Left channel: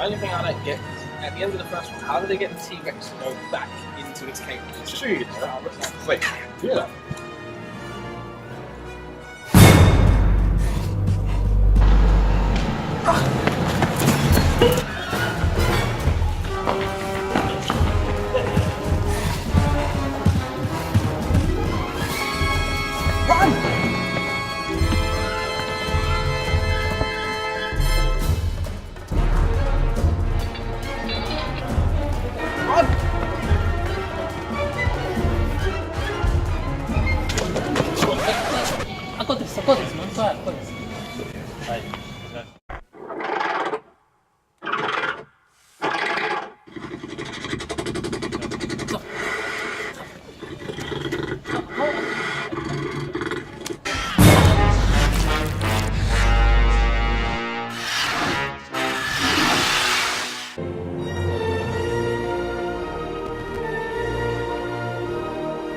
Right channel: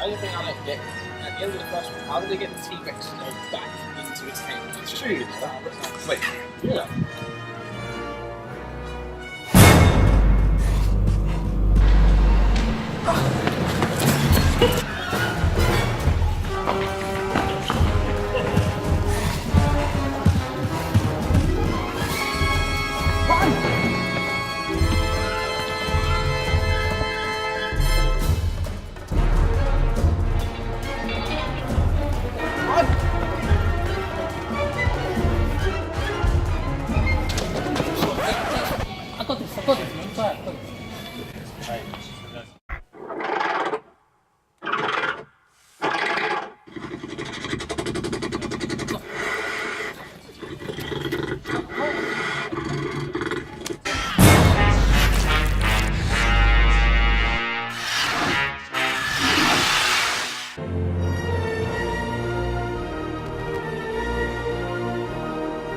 only thing I don't get is at the end of the first one, how did they get the T-Rex to go back into its cage? It's true, you know. Wait, yeah. I got this, man. It's alright, I got this. Right.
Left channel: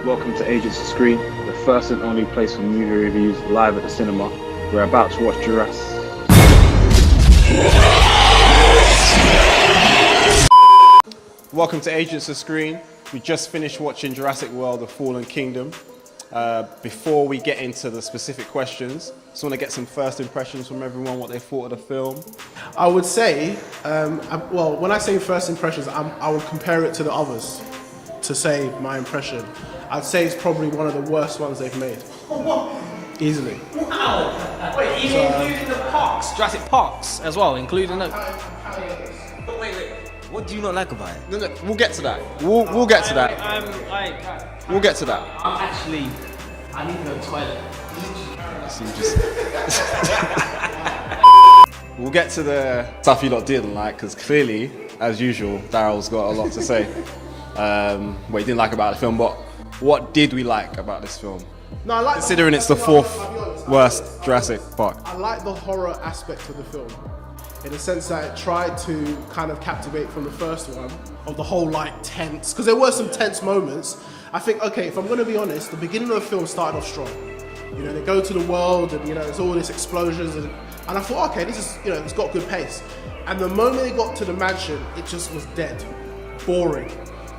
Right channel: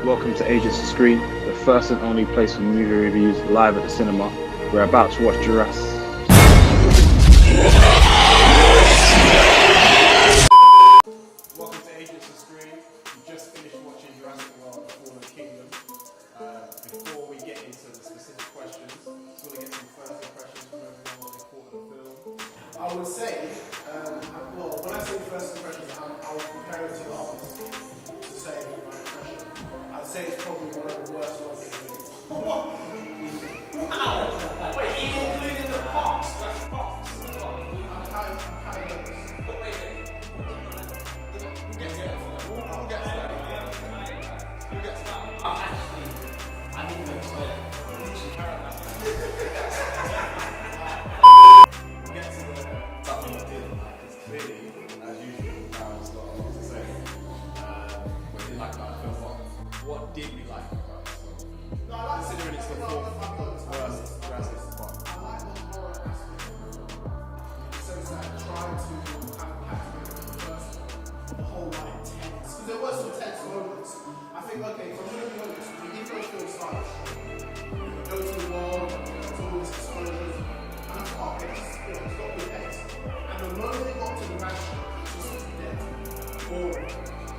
Welcome to Agents of Screen, the first and only place for movie reviews live at the cinema. We're about to watch Jurassic. Welcome to Agents of Screen. We just finished watching Jurassic World: The Fallen Kingdom. Before we get into the specific questions, just want to get some first impressions from everyone, what they thought of the film. I would say, well, when I say first impressions, I would compare it to the others to say my impression. I'd say it's probably one of the worst ones they've made. Easily. Wow! Wait, even including the parks, Jurassic Parks as well, including the... But wait, what do you not like about it? No, we'll get to that. We'll get to that. We'll get to that. Actually, I need to go to the toilet. We'll get to the stuff you lot didn't like, because clearly, as usual, Daryl's got a lot to say. What he didn't like about the film, but what did we like about this film? No, I like considering it's the fourth worst Jurassic Park. I like the horror aspect of the film, in the sense that it tried to kind of captivate from the first one, of the whole like tense, because there were some tense moments. I think, okay, if I'm going to be honest, the beginning of the film started off strong. You know, they go to the world and, you know, it's all these explosions and I thought, okay, this is, you know, it's got good pace. And the moment they got to the mansion, it just was dead, boring.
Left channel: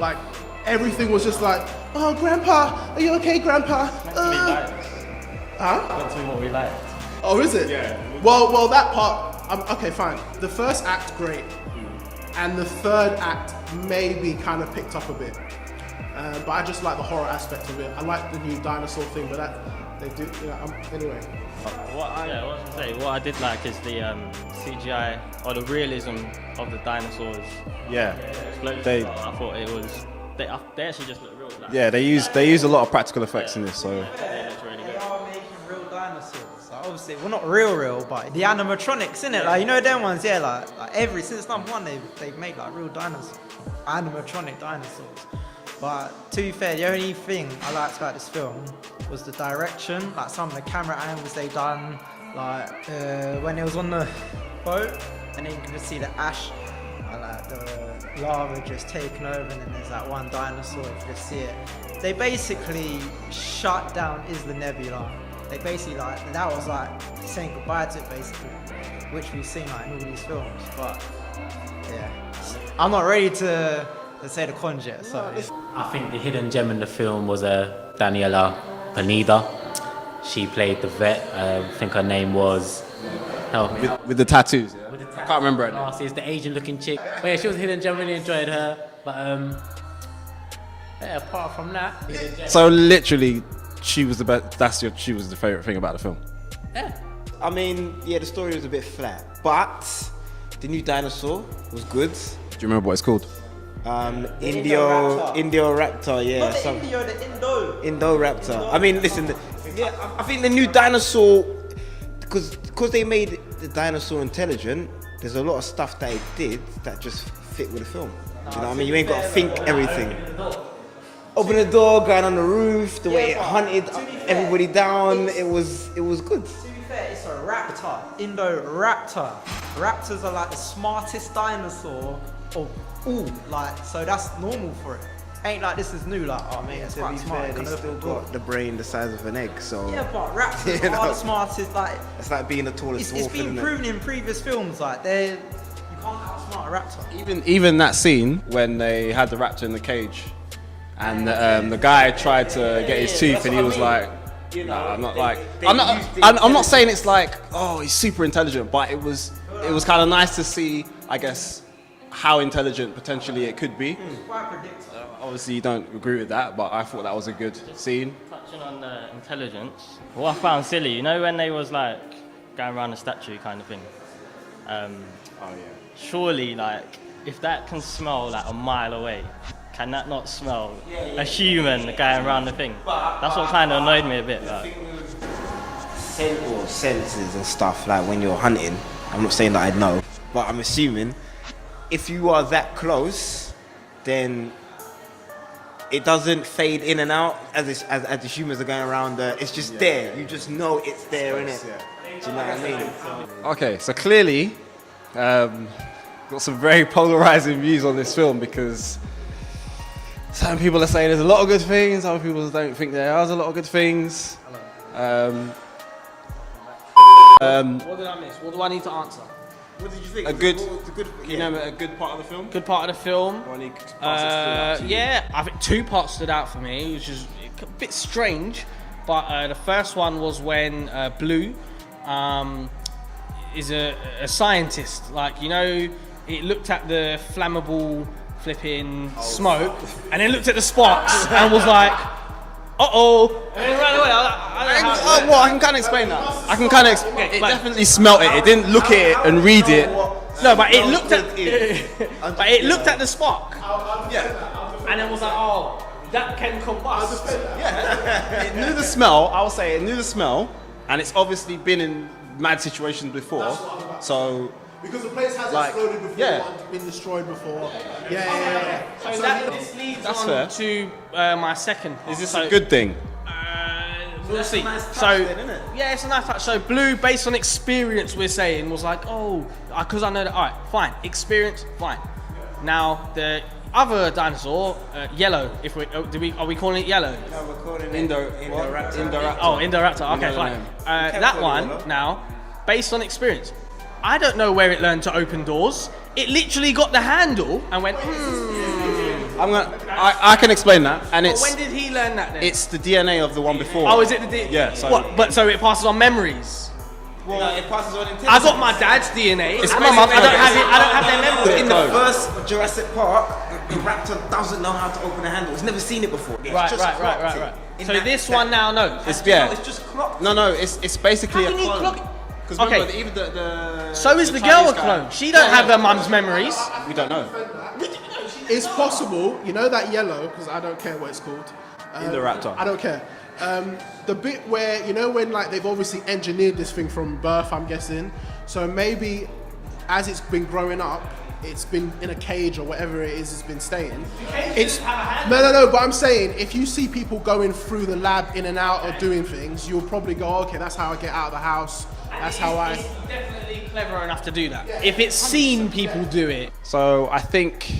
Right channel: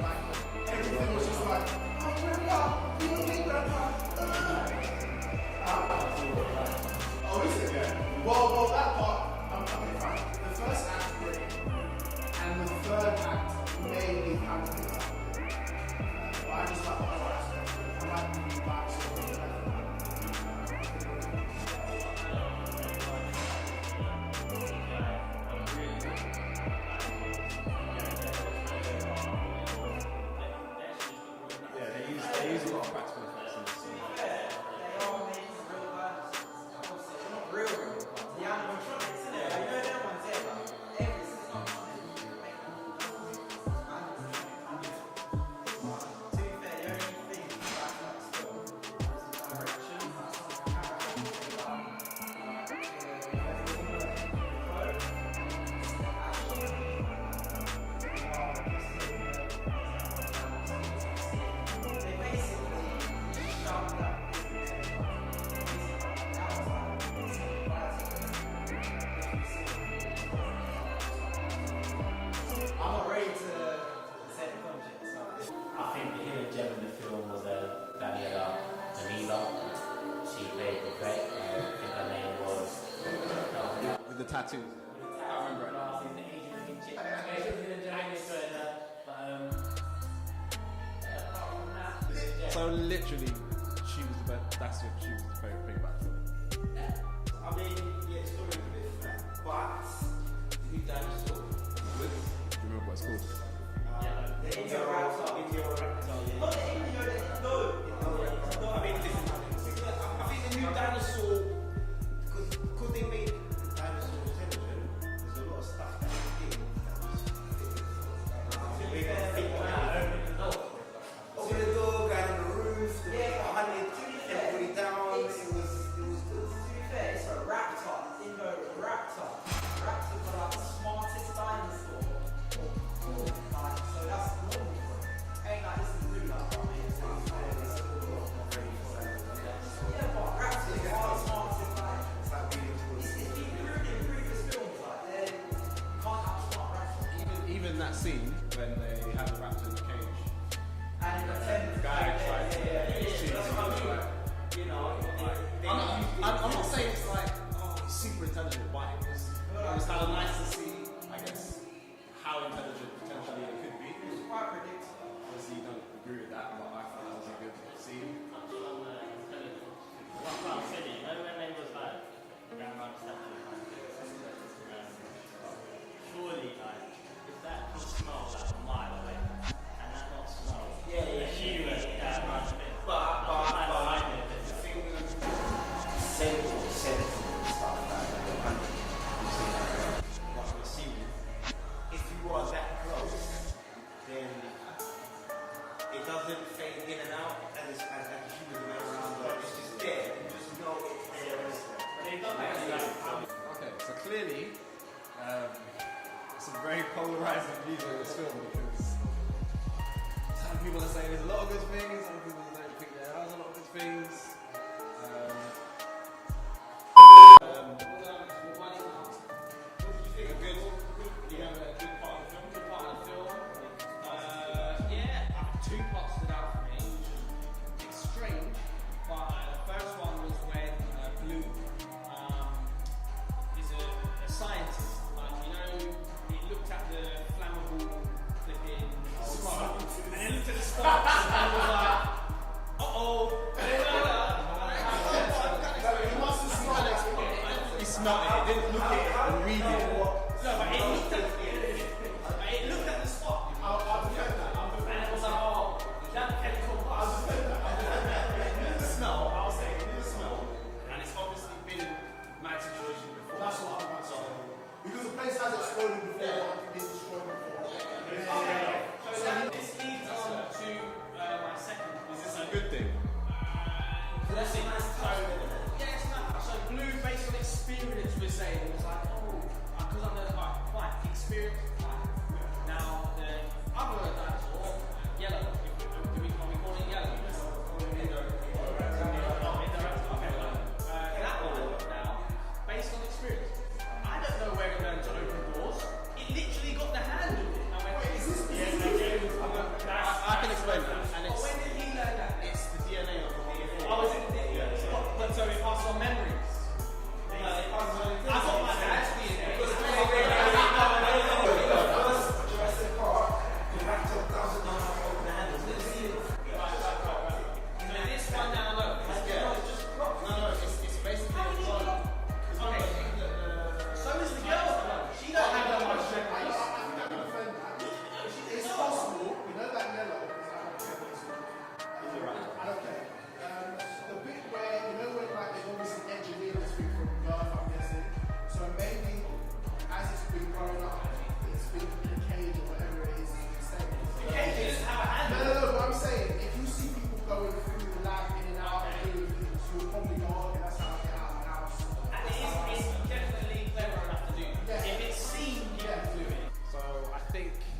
Like, everything was just like, oh, Grandpa, are you okay, Grandpa? Huh? That's what we like. Oh, is it? Yeah. Well, that part, okay, fine. The first act, great. And the third act maybe kind of picked up a bit. But I just like the horror aspect of it. I like the new dinosaur thing, but that, they do, you know, anyway. What I did like is the CGI, or the realism of the dinosaurs. Yeah. I thought it was, they actually just look real. Yeah, they use a lot of practical effects in this, so. Yeah, it's really good. They are making real dinosaurs. Like, obviously, well, not real, but the animatronics, innit? Like, you know them ones, yeah, like since number one, they've made like real dinosaurs, animatronic dinosaurs. But to be fair, the only thing I liked about this film was the direction, like some of the camera angles they done, like when it was on the boat, and then you could see the ash, and like the lava just taking over, and then there's that one dinosaur, you can see it. They basically shut down Isla Nebula. They basically like, that was like saying goodbye to it basically, which we've seen like in all these films, but yeah. I'm not ready to say the cons yet, so. I think the hidden gem in the film was Daniela Pineda. She played the vet. I think her name was... With the tattoos, yeah? I can't remember it. It's the Asian-looking chick. But yeah, she was a hidden gem. Really enjoyed her. But yeah, apart from that, hidden gem. So literally, she was the best. She was the favorite thing about the film. Yeah. I mean, yeah, the story was a bit flat, but the new dinosaur was good. Do you remember what it's called? Indoraptor, yeah. Not the Indio, the Indo. Indoraptor. I mean, listen, yeah, I think the new dinosaur, because they made the dinosaur intelligent, there's a lot of stuff that it did that just fit with the film. You know what I mean? You ain't got to think everything. Open the door, going on the roof, the way it hunted everybody down, it was good. To be fair, it's a raptor, Indoraptor. Raptors are like the smartest dinosaur of all, like, so that's normal for it. Ain't like this is new, like, oh man, it's quite smart. They still got the brain the size of an egg, so. Yeah, but raptors are the smartest, like. It's like being the tallest It's wolf, been isn't it? proven in previous films, like you can't outsmart a raptor. Even that scene when they had the raptor in the cage, and the guy tried to get his tooth, and he was like, "No, I'm not like, I'm not saying it's like, oh, he's super intelligent, but it was kind of nice to see, I guess, how intelligent potentially it could be. Obviously, you don't agree with that, but I thought that was a good scene. Touching on intelligence, what I found silly, you know, when they was like going around the statue kind of thing. Surely, like, if that can smell like a mile away, can that not smell a human going around the thing? That's what kind of annoyed me a bit. Like. Senses and stuff, like when you're hunting, I'm not saying that I know, but I'm assuming if you are that close, then it doesn't fade in and out as the humans are going around. It's just there. You just know it's there, innit? Do you know what I mean? Okay, so clearly, got some very polarizing views on this film, because some people are saying there's a lot of good things, other people don't think there is a lot of good things. What did I miss? What do I need to answer? What did you think? A good part of the film? Good part of the film. Yeah, I think two parts stood out for me, which is a bit strange. But the first one was when Blue is a scientist. Like, you know, it looked at the flammable flipping smoke, and then looked at the sparks and was like, uh-oh. And then ran away. I can kind of explain that. It definitely smelt it. It didn't look at it and read it. No, but it looked at but it looked at the spark. Yeah. And it was like, oh, that can combust. It knew the smell. I'll say it knew the smell, and it's obviously been in mad situations before. So Because the place has Like, exploded before, yeah. been destroyed before. Yeah. So this leads That's on fair. to my second. is this So, a good thing? We'll see. So yeah, it's a nice touch. So Blue, based on experience, we're saying was like, oh, because I know that. All right, fine. Experience, fine. Now the other dinosaur, Yellow. If we are we calling it Yellow? Indoraptor. Oh, Indoraptor. Okay, No, fine. no. That one now, based on experience, I don't know where it learned to open doors. It literally got the handle and went. I can explain that, and But when did he learn that then? it's the DNA of the one before. Oh, is it the DNA? Yeah, so- What? But so it passes on memories. Well, it passes on intelligence. I got my dad's DNA. It's and my mum. I don't have it. I don't have their memory. In the first Jurassic Park, the raptor doesn't know how to open a handle. It's never seen it before. It's Right. just clocked it. In So that- this one now knows. It's just clocked. No, it's basically How a can he clone. clock- 'Cause Okay. remember, even the So is the girl Chinese a guy- clone? She don't have her mum's memories. We don't know. It's possible, you know that Yellow, because I don't care what it's called. Indoraptor. I don't care. The bit where, you know, when like they've obviously engineered this thing from birth, I'm guessing. So maybe as it's been growing up, it's been in a cage or whatever it is, it's been staying. It's no. But I'm saying, if you see people going through the lab in and out or doing things, you'll probably go, okay, that's how I get out of the house. That's how I. It's definitely clever enough to do that. If it's seen people do it. So I think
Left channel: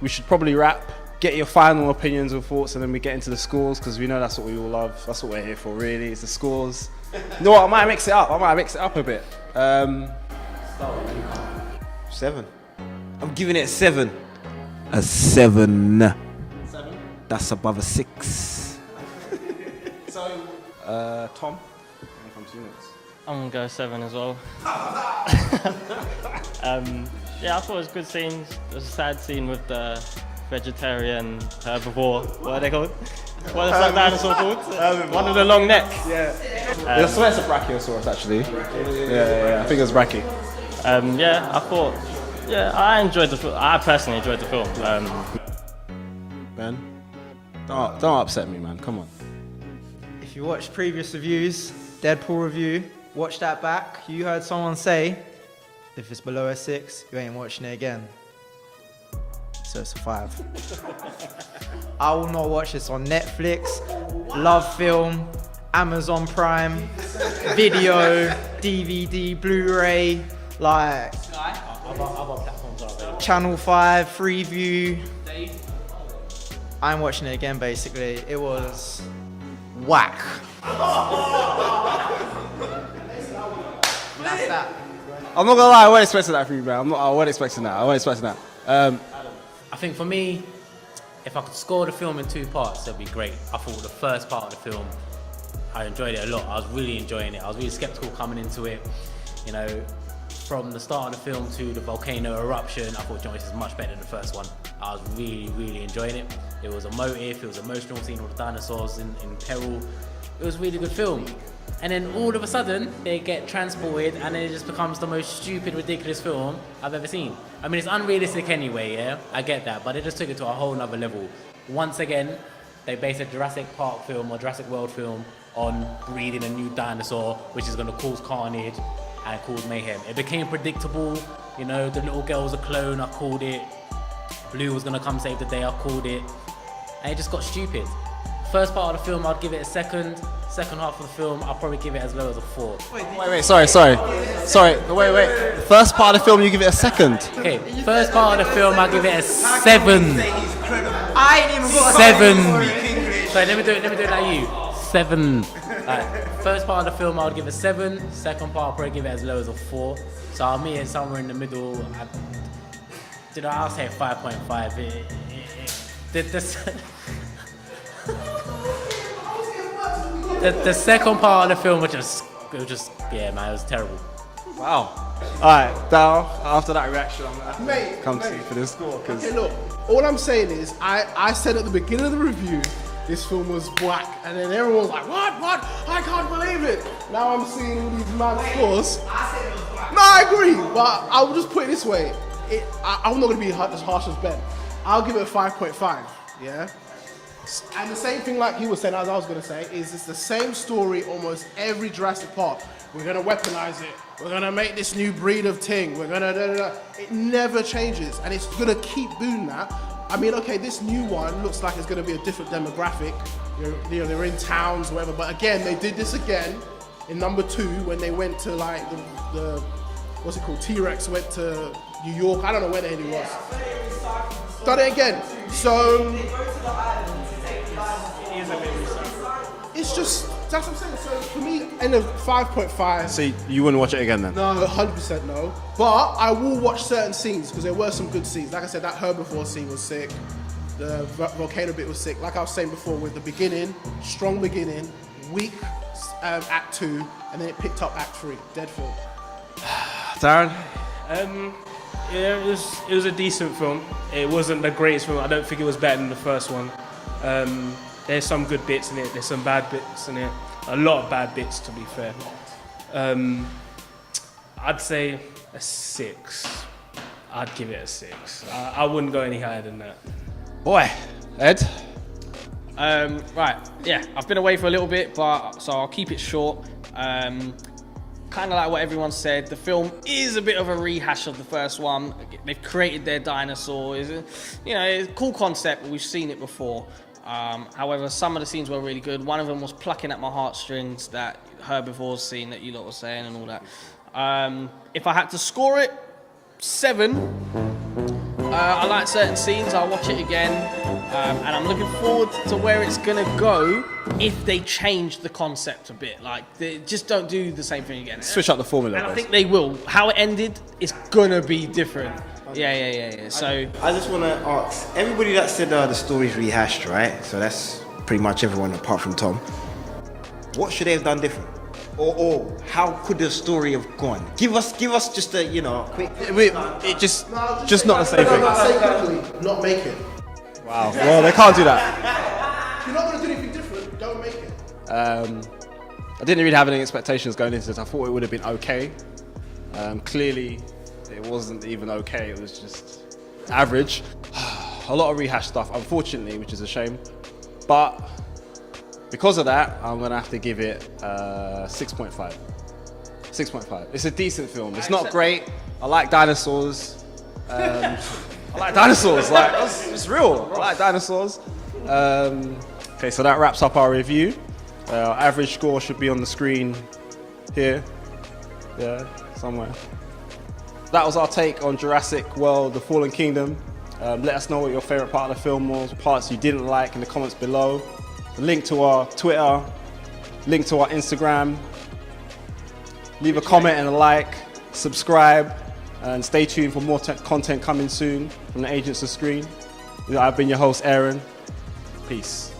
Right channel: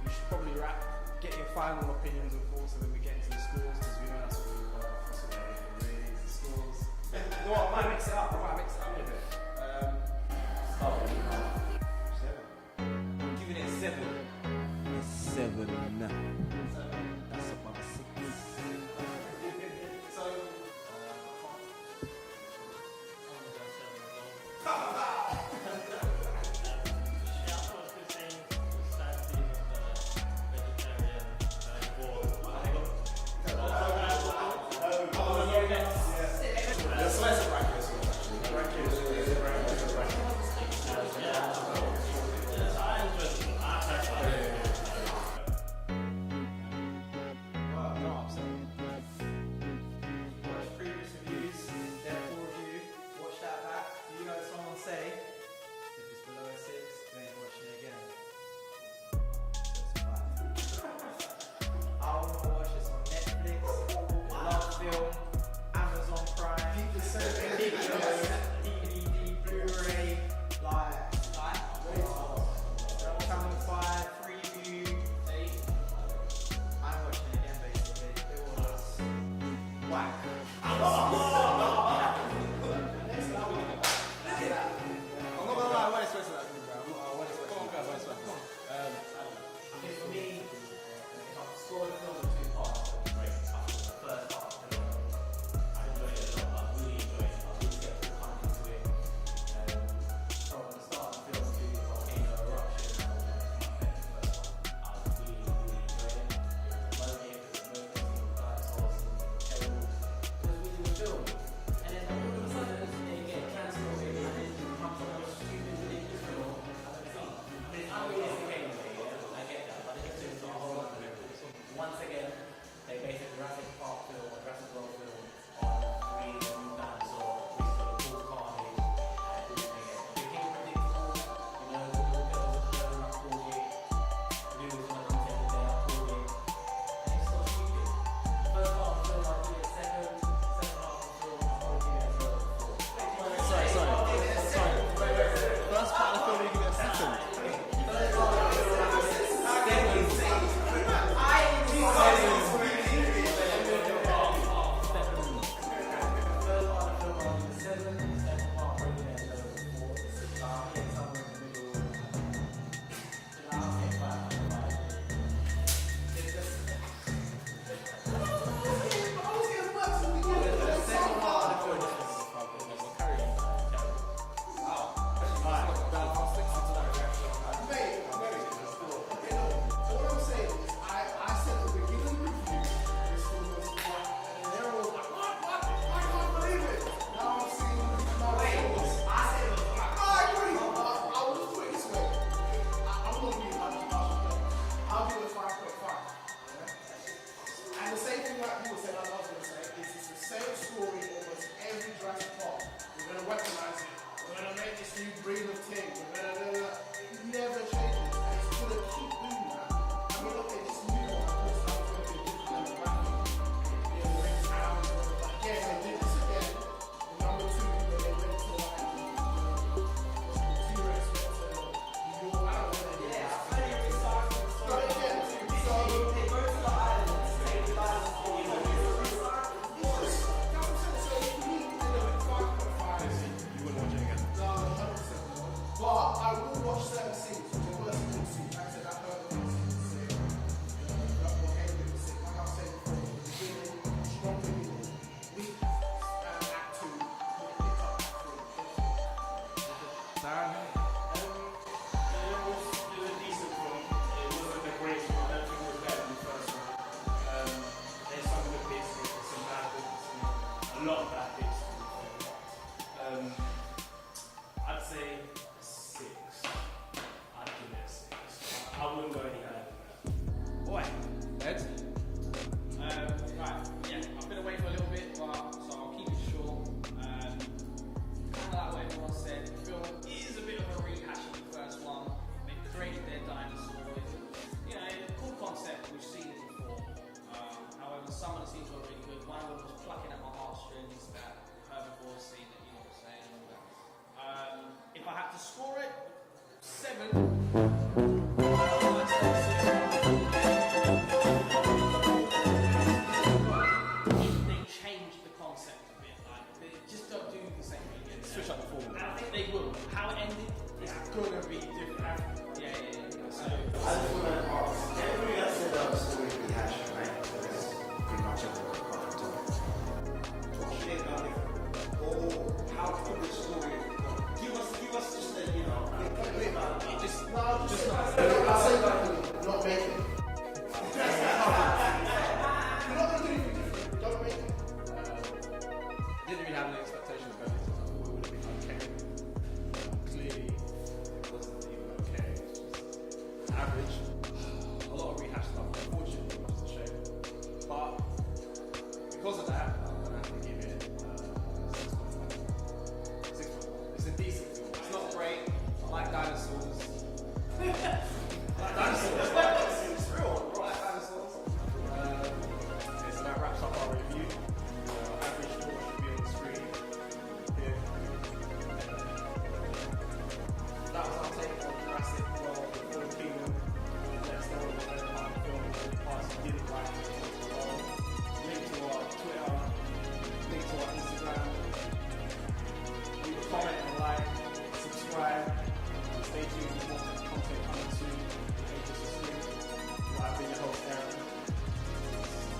we should probably wrap. Get your final opinions and thoughts, and then we get into the scores, because we know that's what we all love. That's what we're here for, really. It's the scores. You know what? I might mix it up. A bit. 7. I'm giving it a 7. A 7. That's above a 6. Tom. I'm gonna go 7 as well. Yeah, I thought it was a good scene. It was a sad scene with the vegetarian herbivore. What are they called? What is that dinosaur called? One with a long neck. I swear it's a Brachiosaurus, actually. Yeah. I think it was Brachie. Yeah, I thought. Yeah, I enjoyed the film. I personally enjoyed the film. Ben, don't upset me, man. Come on. If you watched previous reviews, Deadpool review, watch that back. You heard someone say, if it's below a 6, you ain't watching it again. So it's a 5. I will not watch this on Netflix, Love Film, Amazon Prime, Video, DVD, Blu-ray, like Channel 5, Freeview. I ain't watching it again, basically. It was whack. That's that. I'm not gonna lie, I wasn't expecting that from you, man. I wasn't expecting that. I think for me, if I could score the film in 2 parts, that'd be great. I thought the first part of the film, I enjoyed it a lot. I was really enjoying it. I was really skeptical coming into it. You know, from the start of the film to the volcano eruption, I thought John Wick is much better than the first one. I was really, really enjoying it. It was emotive, it was an emotional scene with dinosaurs in peril. It was a really good film. And then all of a sudden, they get transported and then it just becomes the most stupid, ridiculous film I've ever seen. I mean, it's unrealistic anyway, yeah? I get that, but it just took it to a whole nother level. Once again, they based a Jurassic Park film or Jurassic World film on breeding a new dinosaur, which is gonna cause carnage and cause mayhem. It became predictable, you know, the little girl was a clone, I called it. Blue was gonna come save the day, I called it. And it just got stupid. First part of the film, I'd give it a second. Second half of the film, I'll probably give it as low as a 4. Wait, sorry. Wait. First part of the film, you give it a second. Okay, first part of the film, I'll give it a 7. I ain't even got 7. Sorry, let me do it like you. 7. First part of the film, I would give it a 7. Second part, I'll probably give it as low as a 4. So I'll meet it somewhere in the middle. I'll say 5.5. The second part of the film was just, yeah, man, it was terrible. Wow. All right, Dal, after that reaction, I'm going Mate, to come to you for this score. Okay, look, all I'm saying is, I said at the beginning of the review, this film was whack, and then everyone was like, what? I can't believe it. Now I'm seeing these mad scores. No, I agree, but I will just put it this way. I'm not going to be as harsh as Ben. I'll give it a 5.5, yeah? And the same thing like he was saying, as I was going to say, is it's the same story almost every Jurassic Park. We're going to weaponize it. We're going to make this new breed of thing. We're going to... It never changes, and it's going to keep doing that. I mean, okay, this new one looks like it's going to be a different demographic. You know, they're in towns, whatever. But again, they did this again in number 2 when they went to like the what's it called? T-Rex went to New York. I don't know where the hell he was. Done it again. So it's just, that's what I'm saying. So for me, in a 5.5. So you wouldn't watch it again then? No, 100% no. But I will watch certain scenes because there were some good scenes. Like I said, that herbivore scene was sick. The volcano bit was sick. Like I was saying before, with the beginning, strong beginning, weak act 2, and then it picked up act 3, dead film. Darren? Yeah, it was a decent film. It wasn't the greatest film. I don't think it was better than the first one. There's some good bits in it. There's some bad bits in it. A lot of bad bits, to be fair. I'd say a 6. I'd give it a 6. I wouldn't go any higher than that. Boy. Ed? Right, yeah, I've been away for a little bit, but so I'll keep it short. Kind of like what everyone said, the film is a bit of a rehash of the first one. They've created their dinosaurs. You know, it's a cool concept, but we've seen it before. However, some of the scenes were really good. One of them was plucking at my heartstrings, that herbivores scene that you lot were saying and all that. If I had to score it, 7. I like certain scenes, I'll watch it again. And I'm looking forward to where it's gonna go if they change the concept a bit. Like, they just don't do the same thing again. Switch up the formula. And I think they will. How it ended is gonna be different. Yeah. So I just want to ask everybody that said the story's rehashed, right? So that's pretty much everyone apart from Tom. What should they have done different? Or how could the story have gone? Give us just a, you know, quick. It just not the same thing. Not make it. Wow. Well, they can't do that. If you're not going to do anything different, don't make it. I didn't really have any expectations going into this. I thought it would have been okay. Clearly, it wasn't even okay. It was just average. A lot of rehash stuff, unfortunately, which is a shame. But because of that, I'm gonna have to give it 6.5. 6.5. It's a decent film. It's not great. I like dinosaurs. Like, it's real. I like dinosaurs. Okay, so that wraps up our review. Our average score should be on the screen here. Yeah, somewhere. That was our take on Jurassic World: The Fallen Kingdom. Let us know what your favorite part of the film was, parts you didn't like, in the comments below. Link to our Twitter, link to our Instagram. Leave a comment and a like. subscribe, and stay tuned for more content coming soon from the Agents of Screen. I've been your host, Aaron. Peace.